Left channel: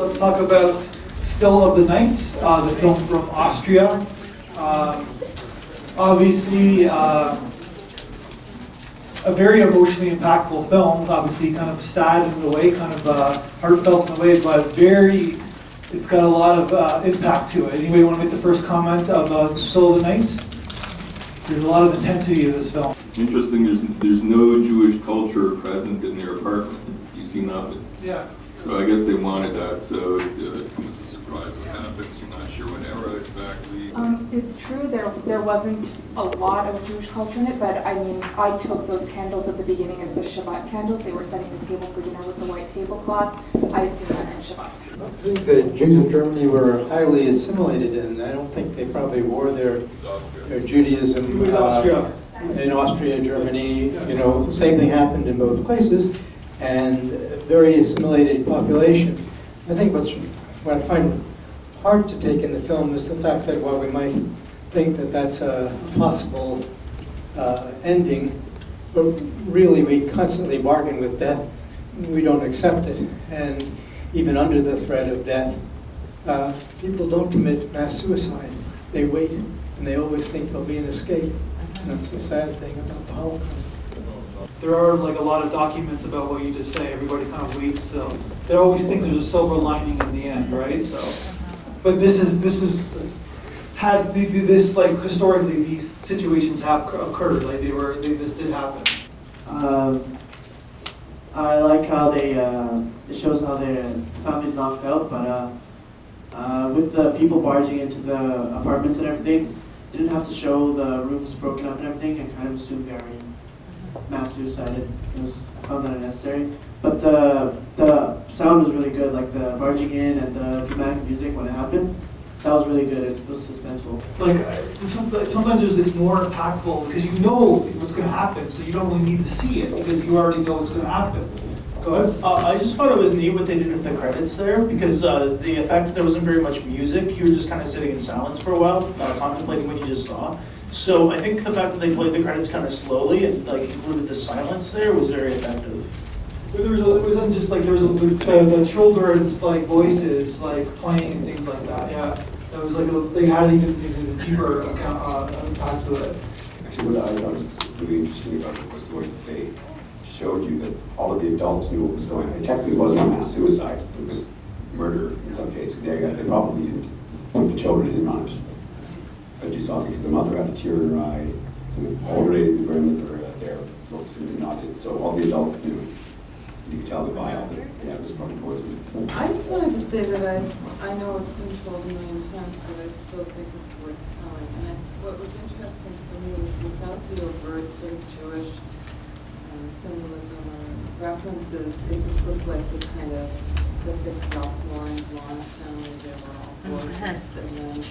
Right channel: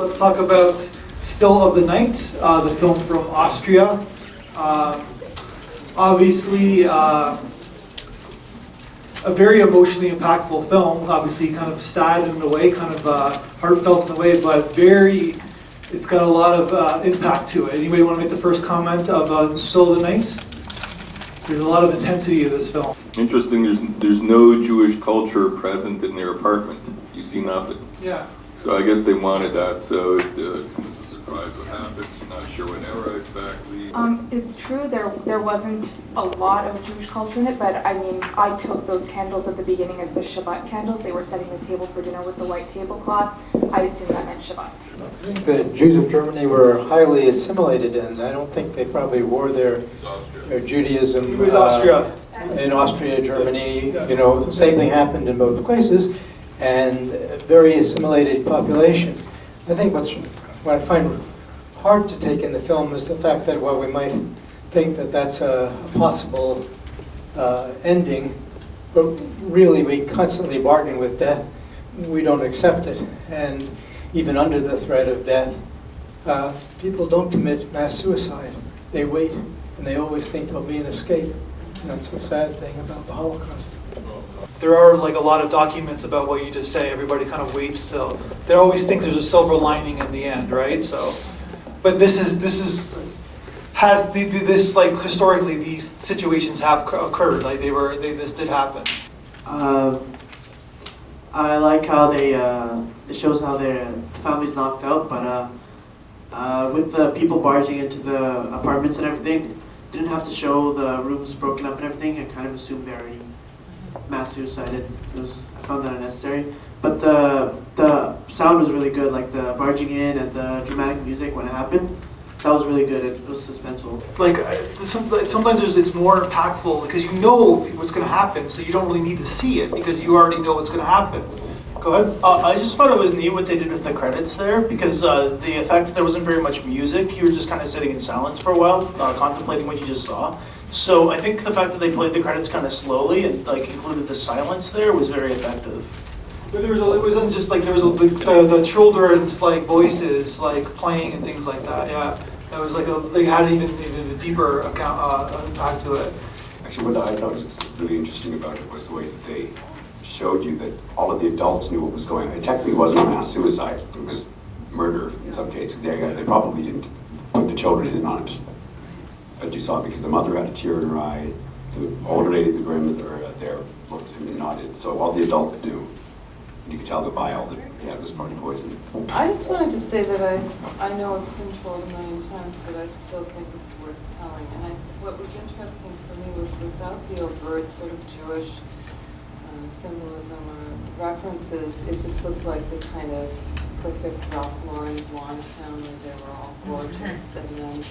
let's talk about Still of the Night, the film from Austria. Obviously, a very emotionally impactful film. Obviously, kind of sad in a way, kind of heartfelt in a way, but it's got a lot of impact to it. Anybody want to make the first comment of Still of the Night? There's a lot of intensity to this film. Interesting, there's no Jewish culture present in their apartment. You see nothing. Yeah. So I guess they wanted that, so it was a surprise what happens. You're not sure what era exactly. It's true, there wasn't a lot of Jewish culture in it, but I mean, I took those candles at the beginning as the Shabbat candles. They were setting the table for dinner with the white tablecloth. I assume that meant Shabbat. I think the Jews of Germany were highly assimilated, and I don't think they probably wore their Judaism It was Austria. In Austria, Germany. You know, the same thing happened in both places, and a very assimilated population. I think what I find hard to take in the film is the fact that while we might think that that's a possible ending, but really we constantly bargain with death. We don't accept it, and even under the threat of death, people don't commit mass suicide. They wait, and they always think there'll be an escape. And that's the sad thing about the Holocaust. There are like a lot of documents about what you just say. Everybody kind of waits till. There always thinks there's a silver lining in the end, right? So, but this like historically these situations have occurred. Like this did happen. I like how it shows how their family's not felt, but with the people barging into the apartments and everything, didn't have to show the rooms broken up and everything, and kind of assumed they already mass suicided. I found that unnecessary. But the sound was really good, like the barging in and the dramatic music when it happened. That was really good. It was suspenseful. Like sometimes it's more impactful because you know what's going to happen, so you don't really need to see it because you already know what's going to happen. Go ahead. I just thought it was neat what they did with the credits there, because the fact that there wasn't very much music, you were just kind of sitting in silence for a while, contemplating what you just saw. So I think the fact that they played the credits kind of slowly and like included the silence there was very effective. But it wasn't just like there was the children's like voices like playing and things like that. Yeah, that was like they had even a deeper impact to it. Actually, what I noticed really interesting about it was the way that they showed you that all of the adults knew what was going on. It technically wasn't a mass suicide; it was murder in some cases. They probably didn't put the children in on it, but you saw it because the mother had a tear in her eye, the older lady, the grandmother there looked and nodded. So all the adults knew. You could tell the vial that it was probably poison. I just wanted to say that I know it's been told a million times, but I still think it's worth telling. And what was interesting for me was without the overt sort of Jewish symbolism or references, it just looked like the kind of perfect Ralph Lauren blonde family. They were all gorgeous, and then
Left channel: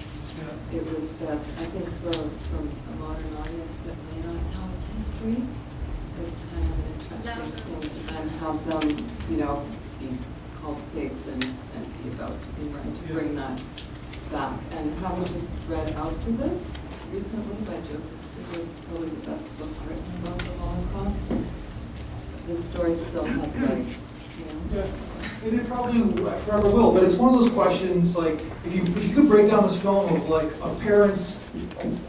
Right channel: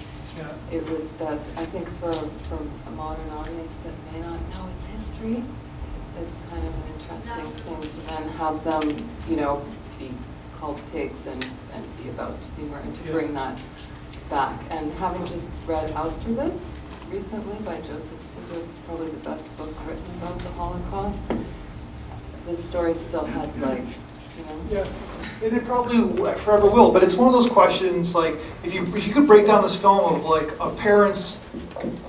it was that I think for a modern audience that may not know its history, it's kind of an interesting thing to then have them, you know, be called pigs and be about to be murdered, to bring that back. And having just read Austerlitz recently by Joseph Stiglitz, probably the best book written about the Holocaust, this story still has legs, you know? Yeah, and it probably forever will, but it's one of those questions, like, if you could break down this film of, like, a parent's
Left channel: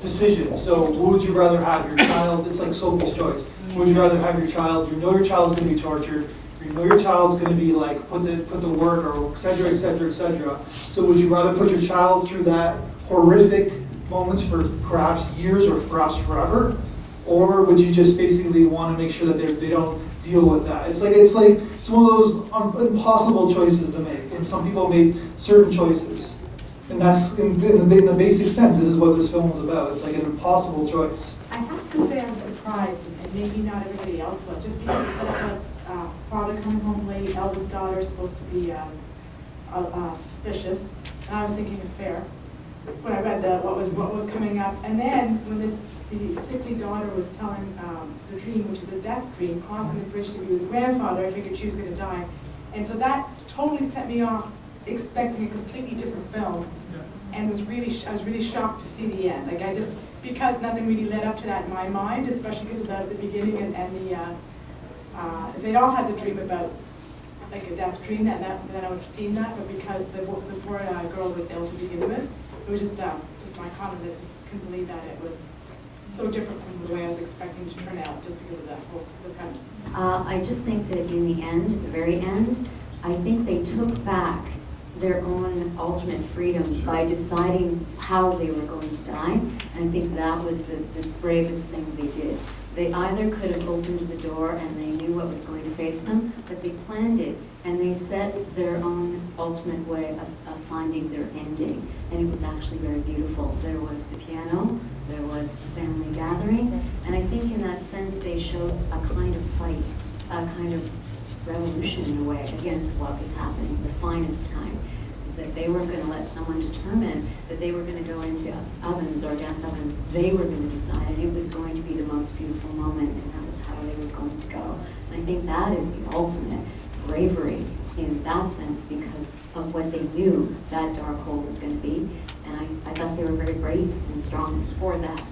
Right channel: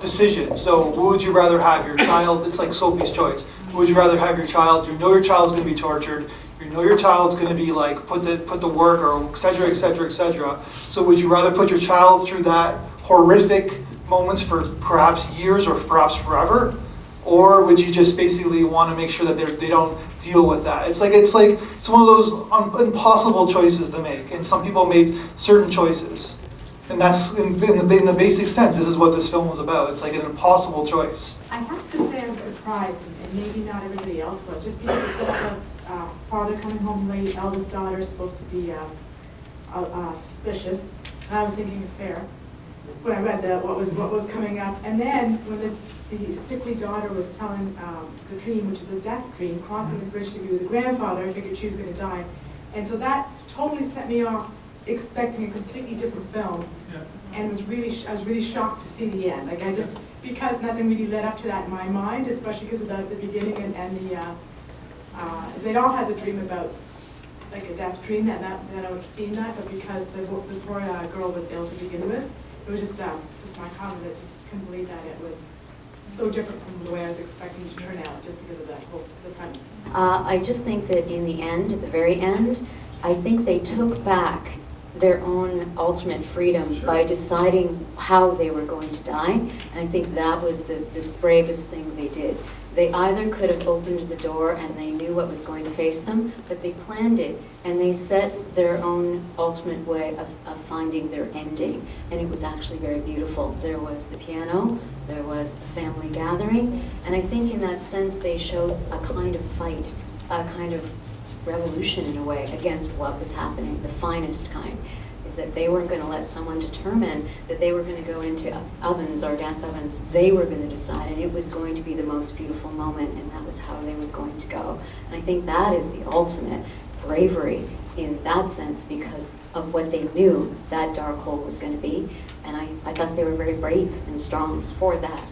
decision. So, what would you rather have your child, it's like Sophie's Choice. Would you rather have your child, you know your child's going to be tortured, you know your child's going to be, like, put to work, or et cetera, et cetera, et cetera. So, would you rather put your child through that horrific moments for perhaps years or perhaps forever? Or would you just basically want to make sure that they don't deal with that? It's one of those impossible choices to make, and some people made certain choices, and that's in the basic sense. This is what this film was about. It's like an impossible choice. I have to say I was surprised, and maybe not everybody else was, just because it said father coming home late, eldest daughter is supposed to be suspicious, and I was thinking affair when I read what was coming up, and then when the sickly daughter was telling the dream, which is a death dream, crossing the bridge to be with the grandfather, I figured she was going to die. And so that totally set me off expecting a completely different film. Yeah. And I was really shocked to see the end. Like because nothing really led up to that in my mind, especially because of the beginning and the, they'd all had the dream about like a death dream that I would have seen that, but because the poor girl was ill to begin with, it was just my comment that just couldn't believe that it was so different from the way I was expecting to turn out, just because of that whole the premise. I just think that in the end, at the very end, I think they took back their own ultimate freedom by deciding how they were going to die. And I think that was the bravest thing they did. They either could have opened the door and they knew what was going to face them, but they planned it and they set their own ultimate way of finding their ending. And it was actually very beautiful. There was the piano, there was the family gathering, and I think in that sense they showed a kind of fight, a kind of revolution in a way against what was happening, the finest kind. Is that they weren't going to let someone determine that they were going to go into ovens or gas ovens. They were going to decide, and it was going to be the most beautiful moment, and that was how they were going to go. And I think that is the ultimate bravery in that sense, because of what they knew that dark hole was going to be. And I thought they were very brave and strong for that.